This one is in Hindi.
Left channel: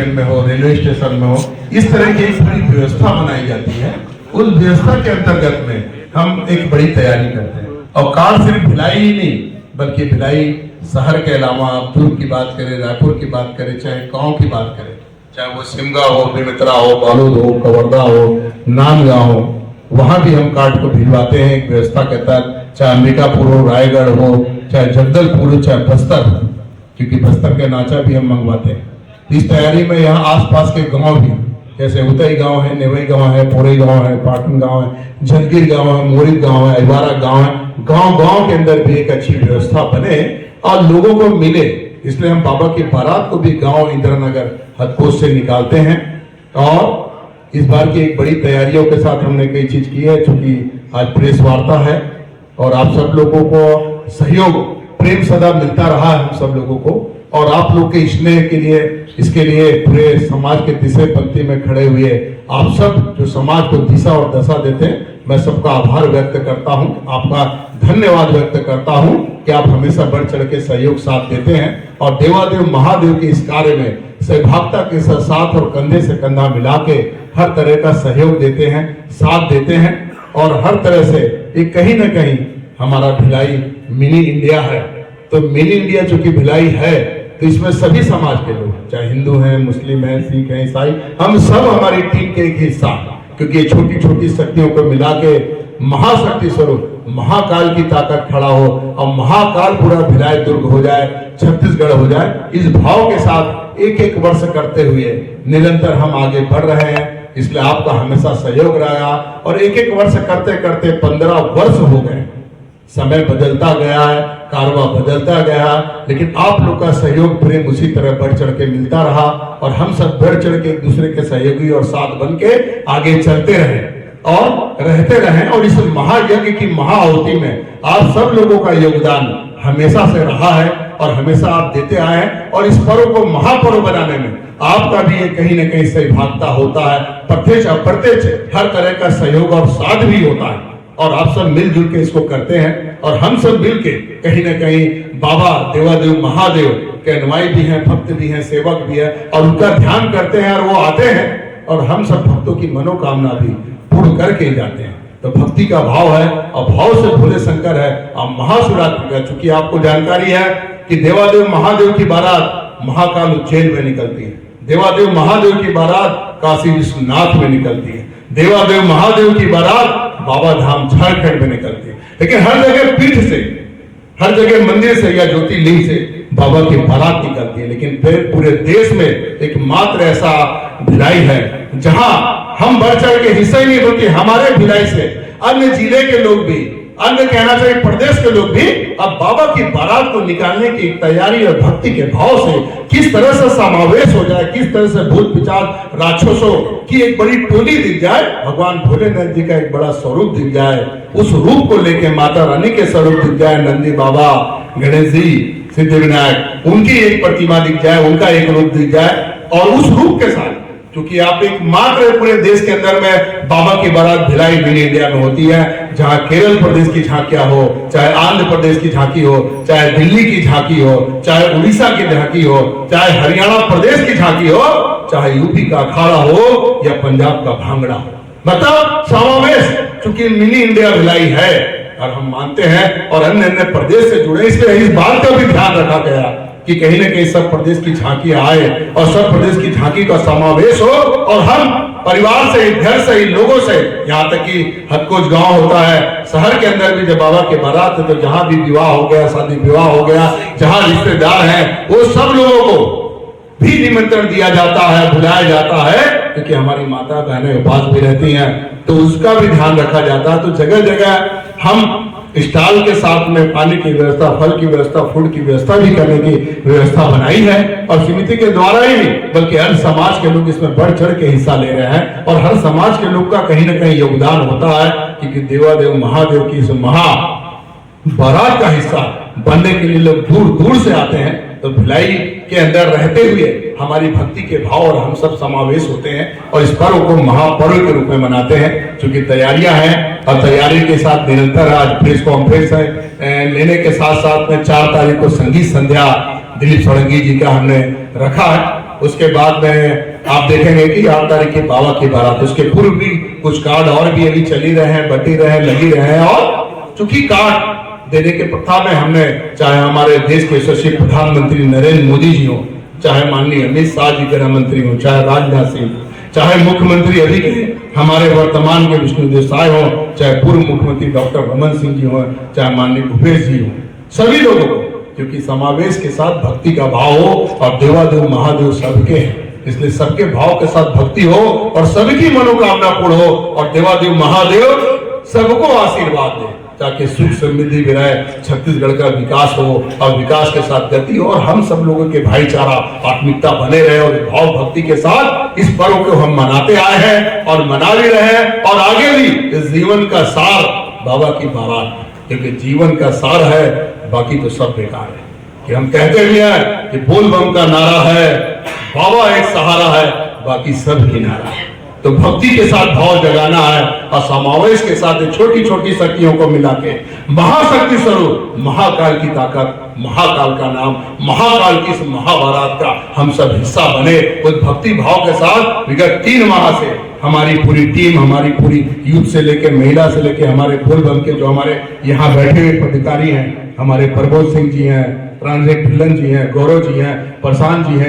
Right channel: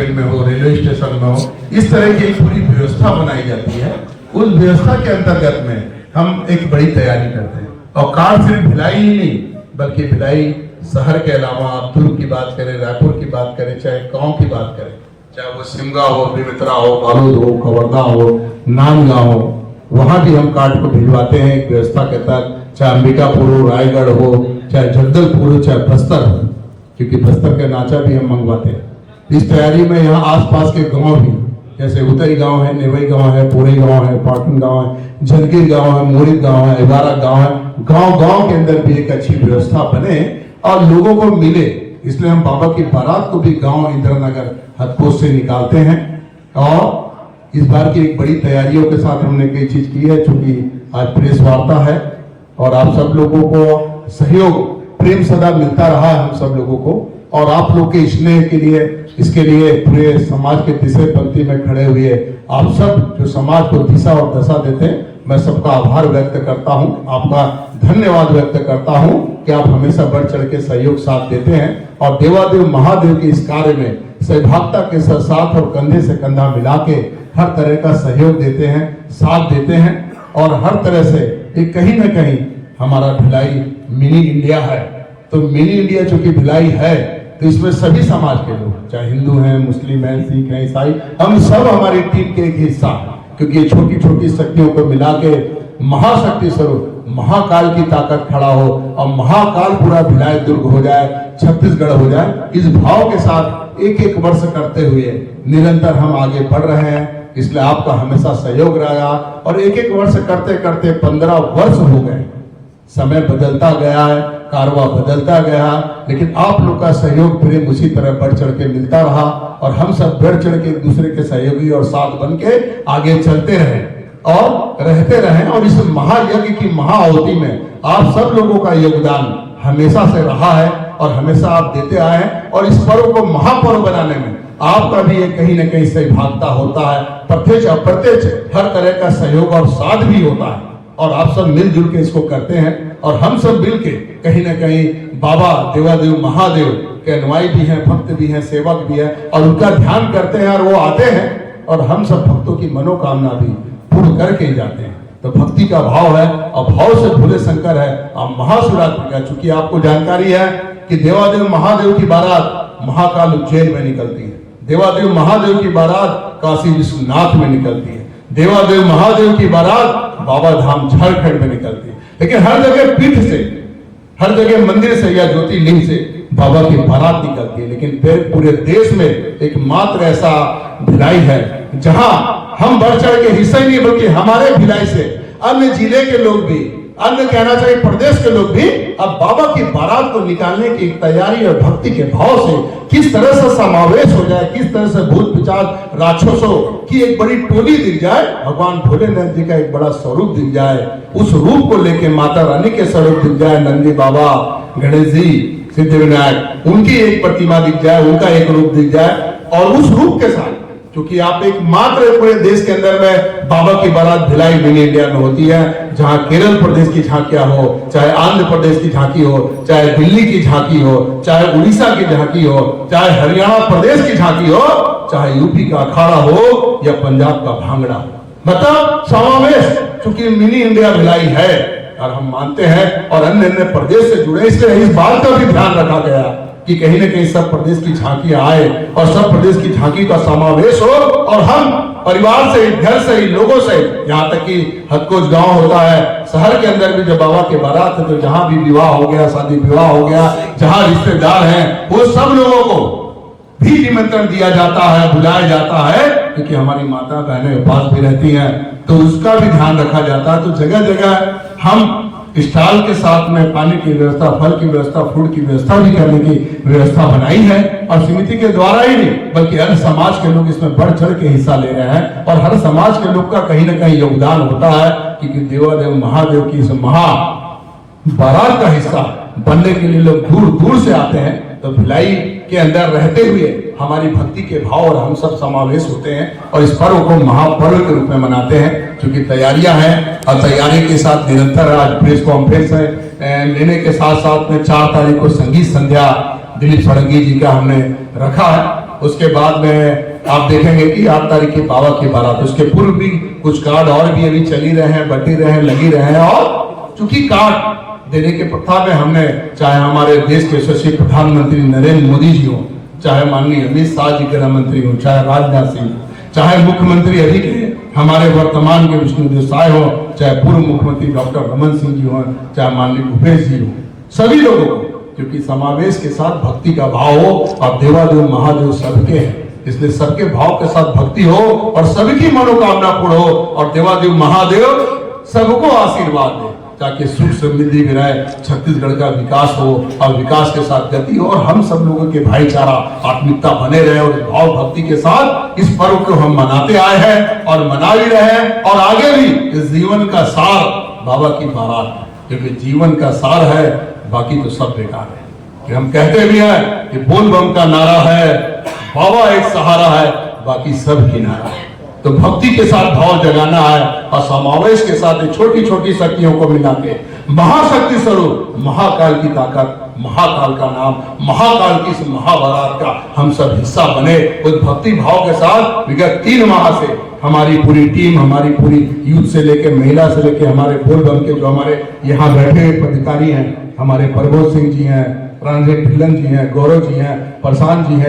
स्टैंड में हो, रेलवे स्टेशन में हो, इस तरह की एक पूरी व्यवस्था बनाई जाती है। उस व्यवस्था के अंतर्गत में हम एक बड़ी तैयारी करते हैं। और कार्ड सिर्फ भिलाई ही नहीं, बल्कि भिलाई शहर के अलावा दुर्ग की बात करें, रायपुर की बात करें, चाहे गांव की बात करें, चाहे वो सिमगा हो, बेमित्रा हो, बालूद हो, कवर्धा हो, नांदगांव हो, वहां भी हम कार्ड को भिजवाते हैं एक व्यवस्था के तहत। चाहे अंबिकापुर हो, रायगढ़ हो, चाहे जगदलपुर हो, चाहे बस्तर हो, क्योंकि बस्तर के नाचा भी हम मंगवाते हैं। इस तैयारी में यहाँ आसपास के गांव भी, जैसे उतई गांव है, नेवई गांव है, पोड़ई गांव है, पाटन गांव है, जनगिर गांव है, मोरित गांव है, इबारा गांव है, गांव के अंदर भी एक अच्छी व्यवस्था बने और लोगों को मिले। इसलिए हम बाबा की बारात को भी गांव इंद्रनगर हदपोश से निकालते हैं। और इस बार की एक बड़ी तैयारियों के साथ हमने कई चीज की है, चूंकि आज प्रेस वार्ता है और आप सब लोगों को सहयोग, प्रेम सदा मिलता रहा है हम सब लोगों को, और आप लोग के स्नेह के लिए, इसके लिए पूरे समाज के तीसरे पंक्ति में खड़े हुए आप सब जो समाज को दिशा और दशा देते हैं, मैं सबका आभार व्यक्त करता हूं, आपका धन्यवाद व्यक्त करता हूं कि आप हमेशा बढ़ चढ़ के सहयोग साथ देते हैं और देवादेव महादेव के इस कार्य में सहभागिता के साथ और कंधे से कंधा मिला के हर तरह का सहयोग देते हैं, साथ देते हैं। और हर तरह से एक कहीं ना कहीं हमारा भिलाई मिनी इंडिया है, तो मिनी इंडिया चूंकि भिलाई है तो इसमें सभी समाज के लोग, चाहे हिंदू हैं, मुस्लिम हैं, सिख हैं, ईसाई, हम सब हमारी टीम के एक हिस्सा, क्योंकि छोटी छोटी शक्तियों को मिला के महाशक्ति स्वरूप महाकाल की ताकत खड़ा हो और महाकाल पूरा भिलाई दुर्ग हो जाए, छत्तीसगढ़ हो जाए। इस भाव के साथ एक एक वर्ष करते हुए निरंतर हम आगे बढ़ रहे हैं। इसलिए आपका हमेशा सहयोग रहा और एक एक वर्ष करते करते 15 वर्ष हो गए। समय बदलता गया है, कारवा बदलता गया, लेकिन आप लोग का सहयोग प्रेम उसी तरह बढ़ चढ़ के मिलता रहा और हम सब बढ़ चढ़ के एक दूसरे के सहयोगी और साथ बन के आगे चलते रहे और रहते रहे। और इस महायज्ञ की महाआहुति में आप सब लोगों का योगदान हमेशा से रहा है और हमेशा आप देते आए हैं और इस पर्व को महापर्व बनाने में आपका भी एक कहीं न कहीं सहभागिता होता है। प्रत्यक्ष अप्रत्यक्ष हर तरह का सहयोग और साथ भी होता है और आप सब मिलजुल के इसको करते हैं और हम सब मिल के कहीं न कहीं बाबा देवादेव महादेव के अनुयायी भी हैं, भक्त भी हैं, सेवक भी हैं और उनका ध्यान करते हैं और वो आते हैं और हम सब भक्तों की मनोकामना भी पूर्ण करके जाते हैं। तो भक्ति का भाव है और भाव से भोले शंकर है। अब महाशिवरात्रि का चूंकि आपको जानकारी है कि देवादेव महादेव की बारात महाकाल उज्जैन में निकलती है, देवादेव महादेव की बारात काशी विश्वनाथ में निकलती है, देवादेव महादेव की बारात बाबा धाम झारखंड में निकलती है। लेकिन हर जगह पीठ से, हर जगह मंदिर से या ज्योतिर्लिंग से बाबा की बारात निकलती है। लेकिन फिर पूरे देश में एक मात्र ऐसा भिलाई है जहां हम बढ़ चढ़ के हिस्सा ही नहीं, बल्कि हमारे भिलाई से अन्य जिले के लोग भी, अन्य कहना चाहिए प्रदेश के लोग भी अब बाबा की बारात को निकालने की तैयारी और भक्ति के भाव से किस तरह से समावेश हो जाए, किस तरह से भूत पिशाच राक्षसों की एक बड़ी टोली दिख जाए, भगवान भोलेनाथ जी का एक बड़ा स्वरूप दिख जाए, उस रूप को लेके माता रानी के स्वरूप दिख जाए, नंदी बाबा, गणेश जी, सिद्धिविनायक, उनकी एक प्रतिमा दिख जाए, उनका एक रूप दिख जाए और उस रूप के साथ, क्योंकि आप एक मात्र पूरे देश के अंदर में बाबा की बारात भिलाई मिनी इंडिया में होती है, जहां केरल प्रदेश की झांकियां हो, चाहे आंध्र प्रदेश की झांकी हो, चाहे दिल्ली की झांकी हो, चाहे उड़ीसा की झांकी हो, चाहे हरियाणा प्रदेश की झांकी हो, चाहे यूपी का अखाड़ा हो या पंजाब का भांगड़ा, मतलब समावेश चूंकि मिनी इंडिया भिलाई है और हम मानते हैं और अन्य प्रदेश से जुड़े, इसलिए इस बात का भी ध्यान रखा गया कि कहीं न कहीं सब प्रदेश की झांकी आए और सब प्रदेश की झांकी का समावेश हो और हम परिवार से, घर से, लोगों से, यहाँ तक कि हदकोच गांव होता है, शहर के अंदर भी जब बाबा की बारात हो तो जहां भी विवाह हो गया, शादी विवाह हो गया, जहां रिश्तेदार हैं, वो सब लोगों को भी निमंत्रण दिया जाता है, बुलाया जाता है, क्योंकि हमारी माता बहनें उपास भी रहती हैं, तो उसका भी ध्यान रखा जाता है। तो जगह जगह हम स्टॉल के साथ में पानी की व्यवस्था, फल की व्यवस्था, फूड की व्यवस्था भी करने की व्यवस्था बनाई है और समिति के द्वारा ही नहीं बल्कि हर समाज के लोग इसमें बढ़ चढ़ के हिस्सा ले रहे हैं और हर समाज के लोग का कहीं ना कहीं योगदान होता है, क्योंकि देवादेव महादेव की इस महा बारात का हिस्सा बनने के लिए लोग दूर दूर से आते हैं। तो भिलाई के अंदर रहते हुए हमारी भक्ति के भाव और हम सब समावेश होते हैं और इस पर्व को महापर्व के रूप में मनाते हैं। क्योंकि तैयारियां हैं और तैयारी के साथ निरंतर आज प्रेस कॉन्फ्रेंस लेने के साथ साथ में 4 तारीख को संगीत संध्या दिलीप सड़ंगी जी का हमने रखा है उसके बाद में आप देखेंगे कि 8 तारीख की बाबा की बारात, उसके पूर्व भी कुछ कार्ड और भी अभी चली रहे हैं, बटी रहे हैं, लगी रहे हैं। और चूंकि कार्ड देने के प्रथा में हमने, चाहे हमारे देश के यशस्वी प्रधानमंत्री नरेंद्र मोदी जी हो, चाहे माननीय अमित शाह जी गृह मंत्री हो, चाहे राजनाथ सिंह, चाहे मुख्यमंत्री अभी के हमारे वर्तमान के विष्णुदेव साय हो, चाहे पूर्व मुख्यमंत्री डॉक्टर रमन सिंह जी हो, चाहे माननीय भूपेश जी हो, सभी लोगों को, क्योंकि समावेश के साथ भक्ति का भाव हो और देवादेव महादेव सबके हैं, इसलिए सबके भाव के साथ भक्ति हो और सबकी मनोकामना पूर्ण हो और देवादेव महादेव सबको आशीर्वाद दे, ताकि सुख समृद्धि विराय छत्तीसगढ़ का विकास हो और विकास के साथ गति हो और हम सब लोगों के भाईचारा आत्मिकता बने रहे और भाव भक्ति के साथ इस पर्व को हम मनाते आए हैं और मना भी रहे हैं और आगे भी इस जीवन का सार बाबा की बारात, क्योंकि जीवन का सार है, बाकी तो सब बेकार है। कि हम कहते भी हैं कि बोल बम का नारा है, बाबा एक सहारा है, बाकी सब ही नारा है। तो भक्ति के साथ भाव जगाना है और समावेश के साथ छोटी छोटी शक्तियों को मिला के महाशक्ति स्वरूप महाकाल की ताकत, महाकाल का नाम, महाकाल की इस महाभारत का हम सब हिस्सा बने। उस भक्ति भाव के साथ विगत 3 माह से हमारी पूरी टीम, हमारी पूरी यूथ से लेकर महिला से लेकर हमारे बोल बम के जो हमारे यहाँ बैठे हुए पदाधिकारी हैं, हमारे प्रबोध सिंह जी हैं, रंजीत ढिल्लन जी हैं, गौरव जी हैं, प्रशांत जी हैं,